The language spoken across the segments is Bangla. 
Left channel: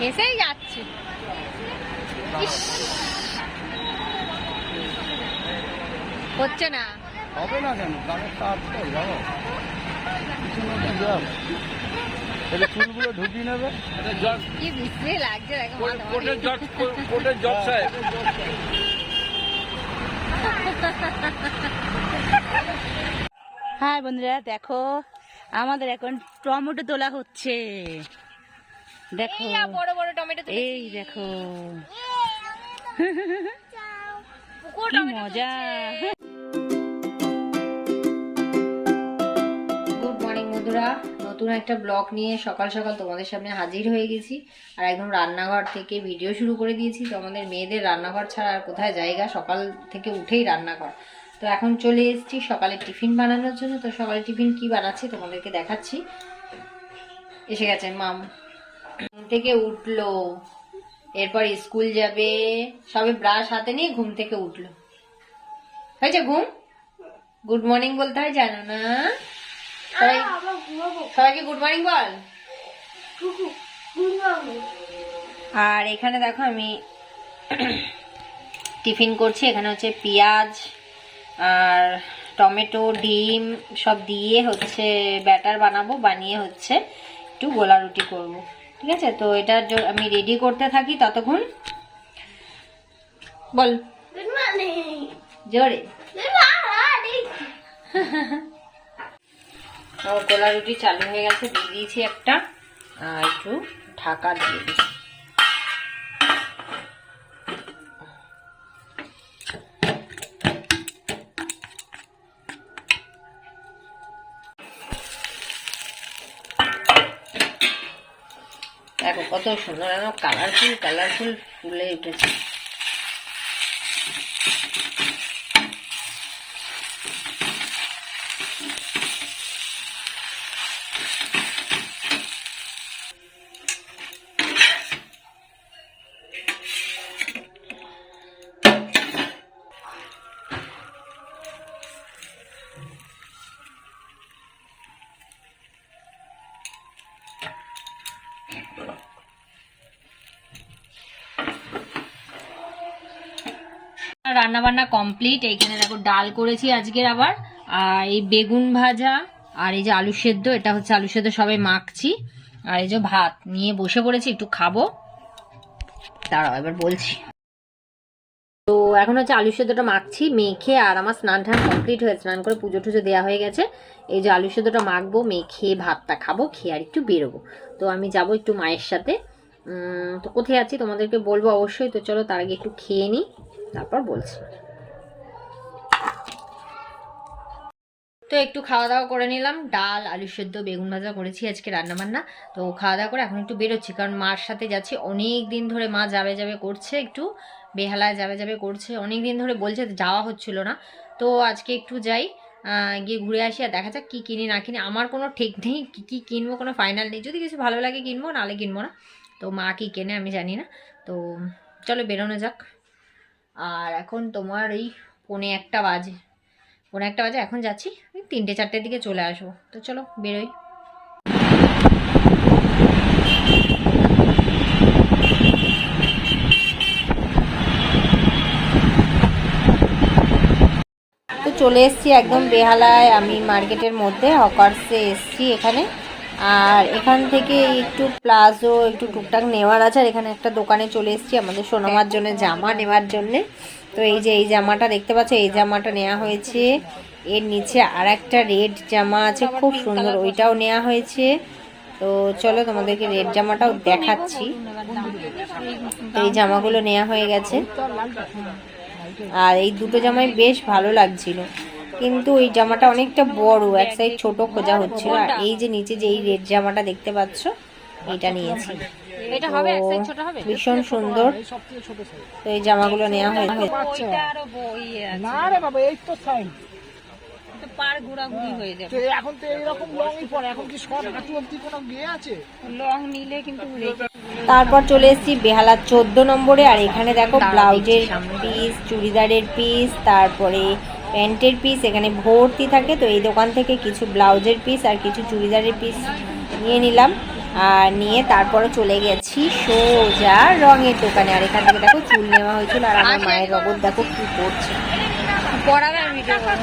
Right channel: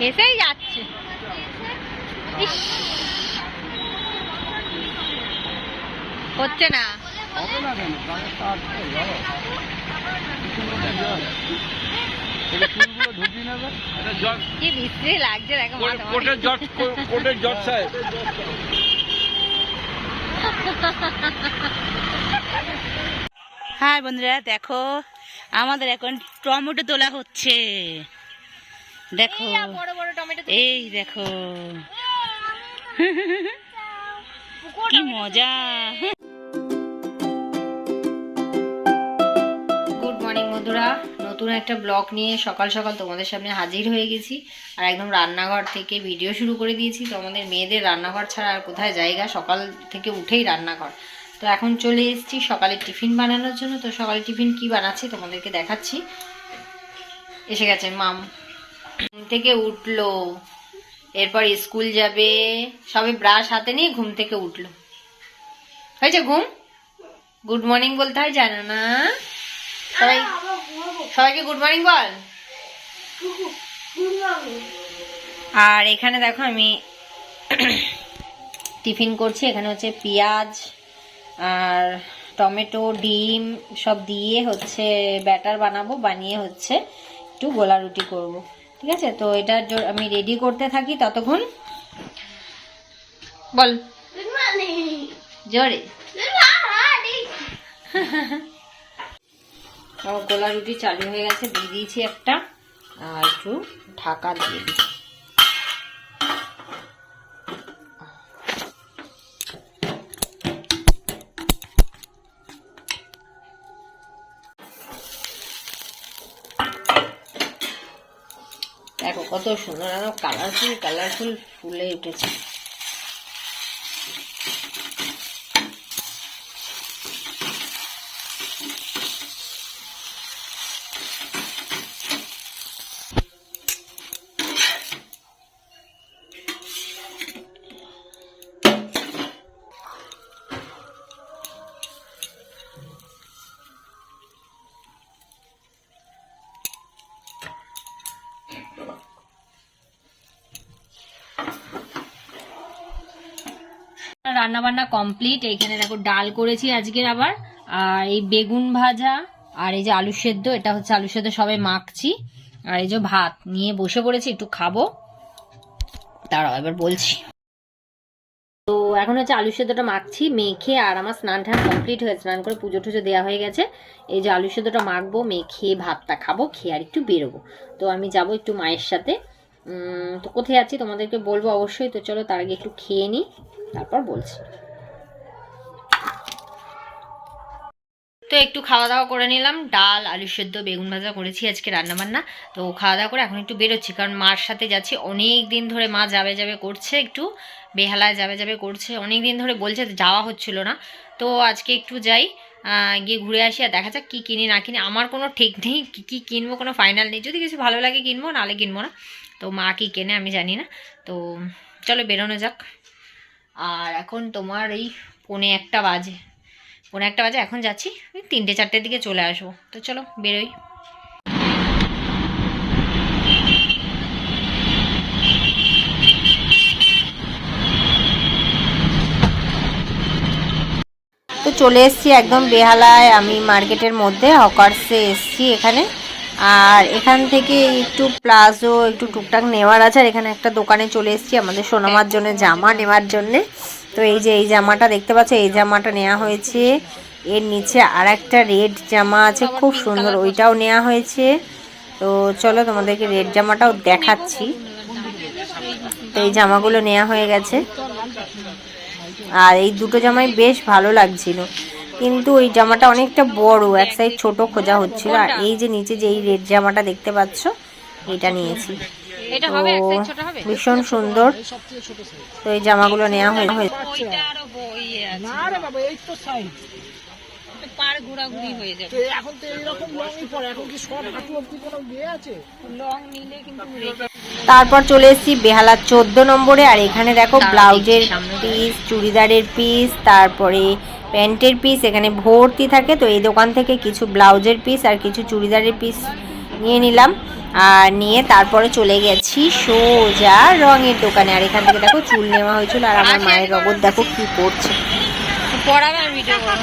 এসেই যাচ্ছে। হচ্ছে না। কি বিশ্রী লাগছে দেখো হ্যাঁ বন্ধুরা দেখো আমাদের এখন টমেটো তোলা হচ্ছে। দেখো। বড় বড় টমেটো তো- এই দেখো। কি মজা। গুড মর্নিং বন্ধুরা। নতুন একটা ব্লগ নিয়ে সকাল সকাল তোমাদের সামনে হাজির হয়ে গেছি। আর একদম রান্নাঘর থেকে ভিডিও শুরু করে দিয়েছি। তো আমাদের মেয়েদের রান্নাঘর ছাড়া আর কোথায় জায়গা? সকাল থেকে উঠেই রান্নাঘর। তো এখন চলে এসেছি সকালে টিফিন বানানোর জন্য। তো সকালে টিফিন কি বানাচ্ছি তোমাদেরকে দেখাচ্ছি। এসে গেছে মাম। ঘুম থেকে উঠল। এরপর স্কুল যাবে সবে ব্রাশ হাতে নিয়ে ঘুম থেকে উঠল। হয়েছে ঘুম? গুড মর্নিং বলতে হয় জানো না? সবাই সবাইকে গুড মর্নিং বল। আর এখানে দেখো আমি টিফিন করছি এখানে হচ্ছে পেঁয়াজ আর টমেটো ডিম সব দিয়ে হচ্ছে ব্যাটার বানাবো বানিয়ে হচ্ছে একটু গোলা রুটি করব। ঠিক আছে? তো এটা আমি রেডি করতে থাকি ততক্ষণ। বল। জোরে। গোলা রুটি চালু হয়ে গেছে দিয়ে দিয়েছি একটা। আর একটু ঢাকা দিয়ে দিই কত সুন্দর আমার কালারফুল কালারফুল ফুলে উঠেছে। রান্না বান্না কমপ্লিট এইখানে দেখো ডাল করেছি আজকের আবার, আর এই বেগুন ভাজা, আর এই যে আলু সেদ্ধ, এটা হচ্ছে আলু সেদ্ধ সবাই মাখছি, আর এই যে ভাত নিয়ে বসে পড়েছি, একটু খাব। দাঁড়াও, এবার বলছি। তো এখন হচ্ছে আলু সেদ্ধটা মাখছি, মেখে আর আমার স্নান টান কমপ্লিট হয়ে, স্নান করে পুজো টুজো দেওয়া হয়ে গেছে। এই যে আলু সেদ্ধটা মাখবো, মেখে ভাতটা খাব, খেয়ে আর একটু বেরোবো। তো আমি যাব একটু মায়ের সাথে। তো কোথায় আছি তোমাদেরকে বলব অবশ্যই, তো চলো তার আগে একটু খেয়ে নিই। তারপর বলছি। তো একটু খাওয়া দাওয়া করে নিলাম, ডাল, আলু সেদ্ধ, বেগুন ভাজা করেছি আজকে রান্নাবান্না। তো খাওয়া দাওয়া করে এখন একটু বেরোচ্ছি, কারণ মার সাথে যাচ্ছি। অনেক দিন ধরে মা যাবে যাবে করছে একটু, বেহালায় যাবে যাবে করছে। অনেক দিন ধরে বলছে যাওয়া হচ্ছিল না। তো আজকে একটু যাই গিয়ে ঘুরে আসি আর দেখা যাক কী কিনি না কিনি। আমার কোনো ঠিক নেই, কী কী কিনবো, কোনো ফাইনাল নেই। যদি কিছু ভালো লাগে কিনবো, নাহলে কিনবো না। তো মা কী কেনে আমি জানি না। তো চলো বেরোনো যাক। আর এখন তোমার এই পৌনে একটা বাজে। পৌনে একটা বাজে, এখন যাচ্ছি। ওই তিনটে, চারটের দিকে চলে আসব। তো চলো, বেরোই। তো চলে এসেছি একদম বেহালায়, আমি মার্কেটের মধ্যে হকার্সে এসেছি এখানে। আর এখান থেকে একটু প্লাজো, একটু টুকটাক নেওয়ার আছে। আর এখানে একটা দোকানে চলে এসেছি আমাদের সোনামার জন্য, জামা নেওয়ার জন্যে। তো এই যে এই জামাটা দেখতে পাচ্ছ, এই জামাটা নেওয়া হয়েছে। এর নিচে আর একটা রেড জামা আছে, খুব সুন্দর, ওইটাও নেওয়া হয়েছে। তো চলো তোমাদেরকে রেড জামাটাও দেখাচ্ছি। তো এই জামাগুলো নেওয়া হয়ে গেছে। আর এই দুটো জামাই বেশ ভালো লাগছিল। কিন্তু ওই জামাটা অনেকটা বড় এক সাইড ছোট খোঁজা হচ্ছিল। আর এই যে নিচে যে এই রেড জামাটা দেখতে পাচ্ছ এটা নিয়েছি। এটা হবে, এক size ছোট হবে? ভীষণ সুন্দর। তো এই জামাগুলো নেওয়া হয়ে ওইটা আরও বই না রে বাবা এই তো সাইজ পার ঘোরাঘুরি হয়ে যাবে। এখন তো এইরকম লংই পরে এখন কি শর্ট হাঁটু অব্দি কোনো গিয়ে আছে? লং নিলে কিন্তু তারপর চলে এসেছি বেহালা চোদ্দ নম্বরে আর এখানে দেখো ব্লাউজের পিস চুড়িদারের পিস তারপরে প্যান্টের পিস এখানে ভর্তি থাকে তো এই দোকান থেকে কিছু ব্লাউজের পিস আর কিছু চুড়িদারের পিস নিয়ে নিলাম। আর নিয়ে তারপরে চলে গেছি সোজা রঙের দোকানে। আর এখান থেকে দেখো চুল নেওয়া হয়েছিল আর আমার মায়ের রগত দেখো কি করছে। পড়াবে আর ভিডিও করব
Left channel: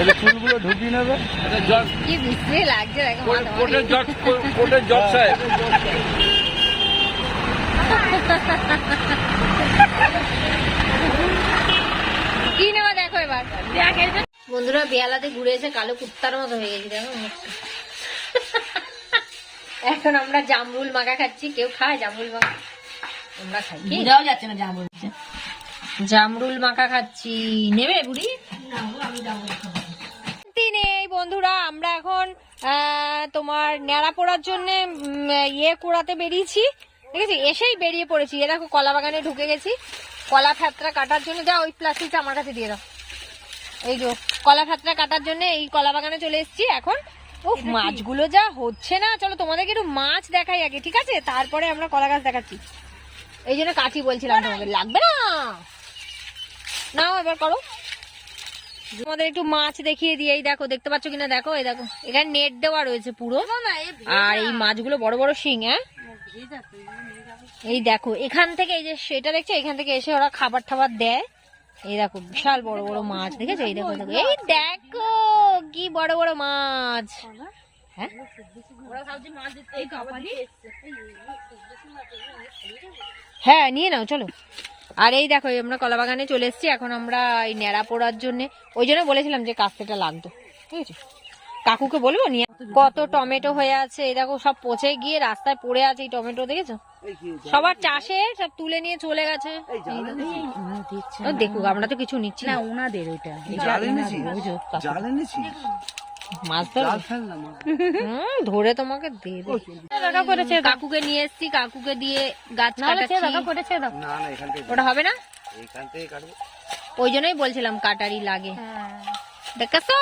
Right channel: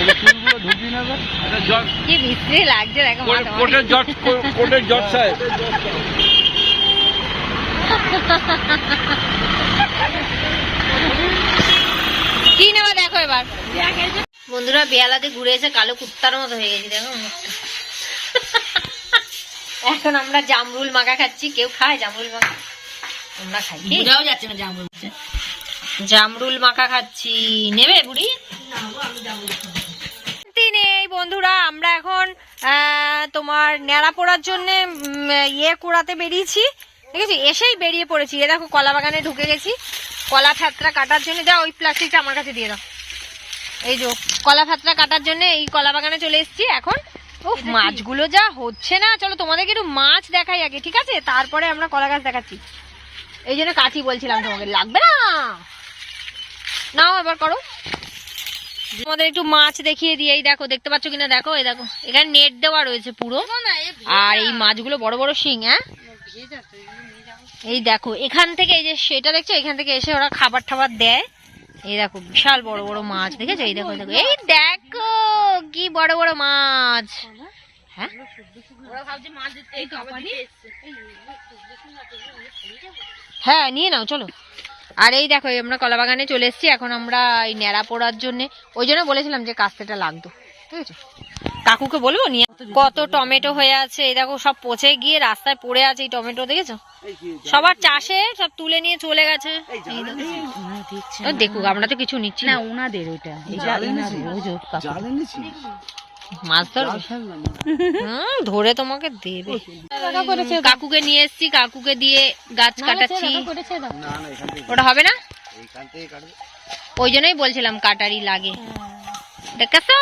এটা চুলগুলো ঢুকিয়ে নেবে। এটা জট কি বিশ্রী লাগছে দেখো মাথা কোটের জট কোটের জট সাহেব কি নেওয়া দেখো এবার? বন্ধুরা বেয়ালাতে ঘুরে এসে কালো কুত্তার মতো হয়ে গেছি দেখো মুখটা। এখন আমরা জামরুল মাখা খাচ্ছি। কেউ খায় জামরুল মাখা? আমরা খাই বুঝাও যাচ্ছে না জামরুল। জামরুল মাখা খাচ্ছি। নেবে বুড়ি? নেই বন্ধুরা আমরা এখন তোমার ন্যাড়া পড়ার জন্য ইয়ে কুড়াতে বেরিয়েছি। ঠিক আছে? এসেই বেরিয়ে পড়েছি। এ দেখো কলা বাগানে ঢুকে গেছি। কলা ফাতরা কাটার জন্য যা ওই প্লাস্টিকটা আমার কাছে দিয়ে দাও। এই যে কলা ফাতরা কাটার জন্য এই কলা বাগানে চলে এসেছি এখন। ও মাছগুলো যা হচ্ছে না। চলো তোমাদেরকে একটু মাছ দেখাই আগে ঠিক আছে? তারপরে আমরা কলা গাছ দেখাচ্ছি। এই জন্য কাঠি বলছিলাম তোমাকে। লাগবে না? নাও এবার করো। তোমাদের একটু মাছ দেখিয়ে দিয়ে এই দেখো দেখতে পাচ্ছ কিনা দেখো এই দেখো এখানে নেট দেওয়া রয়েছে পুরো আর এই মাছগুলো বড় বড় শিং হ্যাঁ এই দেখো এখান থেকে এই যে সেটা দেখছ এখান থেকে এসে ওরা খাবার টাবার দেয় এই দেখো বিশাল বড় বড় মাছ দেখেছ এই দেখো দেখো এই দেখো কি বড় বড় মাছ হ্যাঁ হ্যাঁ নিয়ে নাও চলো আর এই দেখো এই আমরা কলা বাগানে চলে এসেছি এখন আমরা এই ন্যাড়া পোড়ার জন্য ওই জন্য বলেছিলাম যে কাস্তেটা লাগতো ঠিক আছে কাকুকে বলব নিয়ে কত টমেটো হয়ে আছে এই দেখো সব পচে গিয়ে রাস্তায় পড়ে আছে এই টমেটো দেখেছ? সবার চাষে সব তুলে নিয়ে চলে গেছে। দেখুক আমরা তো কিছু নিচ্ছি না। ওনাদের ওইটা। মাছ ধরবে ধরে তোমাকে দেবে। কাকুকে নিয়ে এসেছি কাকুকে দিয়ে গাছ কাটাচ্ছি। ওটা হবে না? ওই জন্যই বলছিলাম কাটারি লাগে। দেখাছো?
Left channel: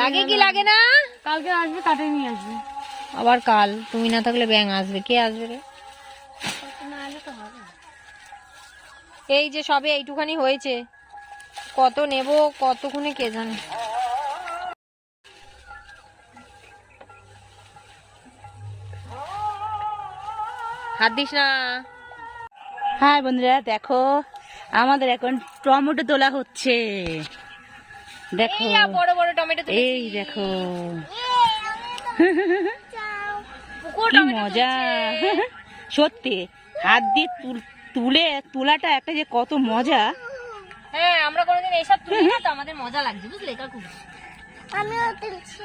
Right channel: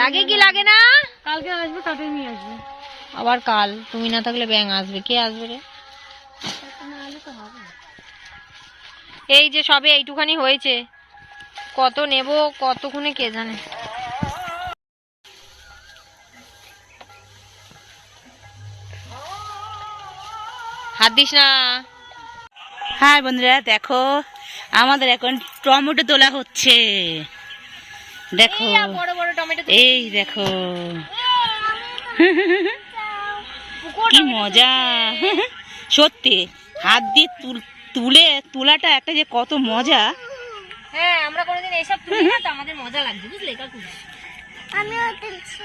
লাগে কি লাগে। না? কালকে আসবে কাটে নিয়ে আসবে। আবার কাল। তুমি না থাকলে ব্যাং আসবে। কে আসবে রে? এই যে সবে এইটুখানি হয়েছে। কত নেব কতক্ষণে কে জানে? হাত দিস না। হ্যাঁ বন্ধুরা দেখো আমাদের এখন টমেটো তোলা হচ্ছে। দেখো এই বড় বড় টমেটো এই দেখো। কি মজা। সত্যি হাত দিয়ে তুলে তোলাটা একটা যে কত মজা। হ্যাঁ আমরা কোনোদিন এইসব তুলি না তো আমাদের মজা লাগছে বুঝলে কাকু? আমিও তুলছি।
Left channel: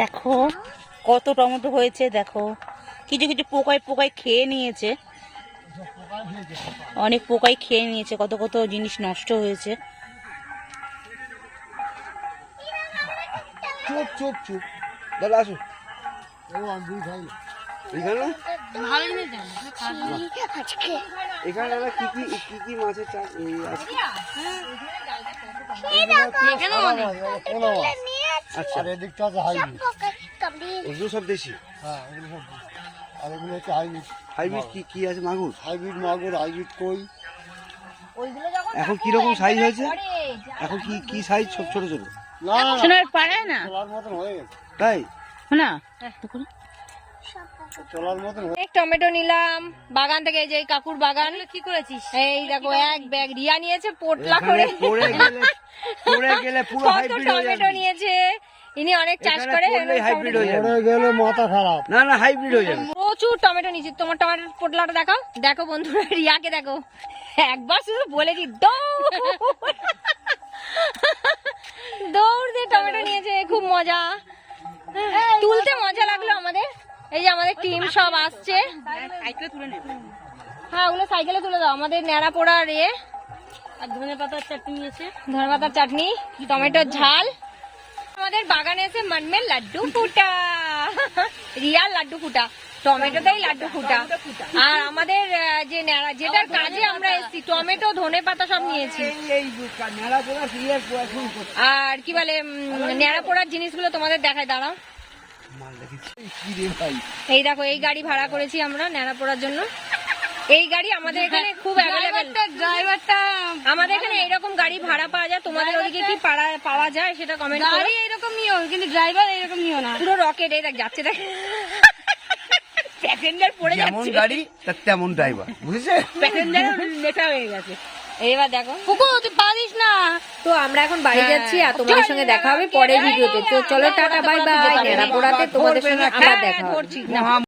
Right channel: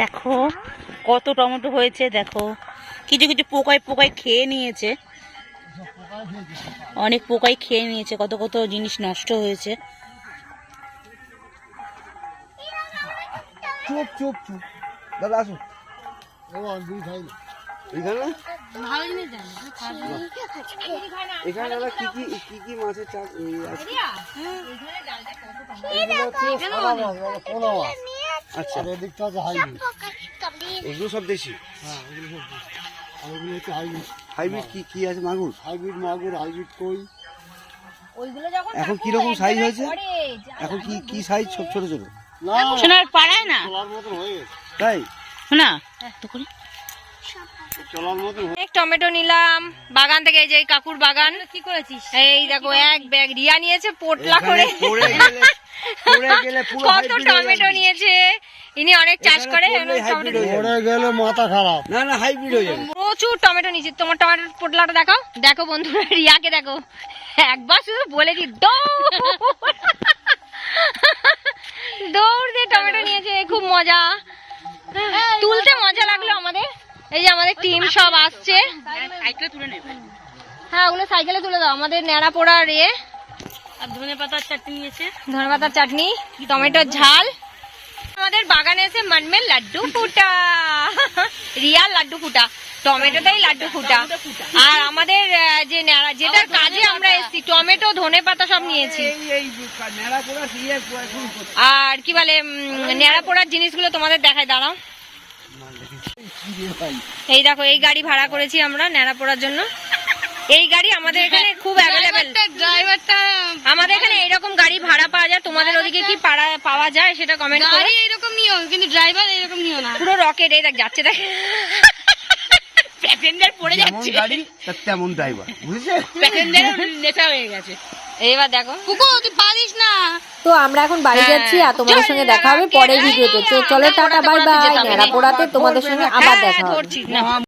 দেখো কত টমেটো হয়েছে দেখো। কিছু কিছু পোকায় পোকায় খেয়ে নিয়েছে। অনেক পোকায় খেয়ে নিয়েছে কত কত জিনিস নষ্ট হয়েছে। চুপ চুপ চুপ। দাদা আসো। এখানে? এখানে দাদা কি কি কি কি মাছের চাষ? আর এদিকটা আছে হাইব্রিড এগুলো সব দেশি? হ্যাঁ এগুলো সব দেশি। আর এগুলো হচ্ছে হাইব্রিড হাইব্রিড কি কি আছে মাগুর? হাইব্রিড মাগুর হাইব্রিড কই? এখন কি রকম সাইজ হয়েছে? এখন কি কি সাইজ ছোট ছোট ছোট? না না সোনার পাড়ায় না? তাই? শোনা তো করি। টমেটো নিলাম। বাগান থেকে এই যে কাকুর বাগান। কি করেছিস? এই দেখো এক ব্যাগ রিয়া নিয়েছে পোটলা করে। পড়ে গেলে পড়ে গেলে পুরো কত টমেটো নিয়েছে। ইনি অনেক চাষ করে পড়লেই এরকম হাইব্রিড টমেটো- যাবে। গেলে মাথা খারাপ। না না হাইব্রিড হয়ে যাবে। প্রচুর টমেটো নিয়েছি। তোমার টমেটোর পোটলাটা দেখো দেখো বন্ধুরা রিয়াকে দেখো। একবার শুধু বলেছি দৌড়। দৌড় দিয়ে টমেটো নিয়েছে খুব মজা। তুলতে মজা লাগল আমাদের। এই যে আমাদের টিম সব আসছে। সাইকেলে তুলে নেবে। হ্যাঁ ওগুলো সাইকেলে তুলে দাও। আমাদের ন্যাড়া পোড়ার ইয়ে আর ধনে পাতার চাটনি আছে। ধনেপাতার চাটনি টমেটোর ঝাল। আমাদের বাগানে এসে মনমের লাড্ডু ফুটা। রিয়াল লাড্ডু ফুটা। টমেটোতেই লাড্ডু ফুটা। আর আমাদের যে ন্যাড়া যেটার কাজে আমরা এসেছি টমেটো ধনে পাতা সব নিয়েছি। আর কি বলে ন্যাড়া পোড়ার জিনিসগুলো তোমাদের দেখায় দাঁড়াও। এই দেখো এই গাড়ি ভাড়া করেছি আমরা ন্যাড়া পোড়ার জন্য। এই গাড়ি আমাদের এখানে খুব অ্যাভেলেবেল আমাদের এখানে এইরকম গাড়ি ভাড়া পাওয়া যায়। তোমাদের ওদিকে কি পাড়া পাওয়া যায় সেটা কমেন্ট করো। গাড়ি এরকম নিয়ম কিন্তু ড্রাইভার এরকম নিয়ম না। পুরো রকেট এই দেখ যাচ্ছে দেখ। প্যাসেঞ্জার পড়ে যেমন যাচ্ছে। গাড়ি তেমন ড্রাইভার বুঝেছে? প্যাসেঞ্জার নেশা হয়ে গেছে। এবার দেখো। কুকু তুই পারিস না। তো আমরা এখন বাড়ি হ্যাঁ। যাচ্ছি আর তোমাদের সঙ্গে দেখা হবে পরে ভিডিওতে। তো চলো টাটা বাই বাই নেড়া পোড়াতে তোমাদের সঙ্গে আবার দেখা হবে।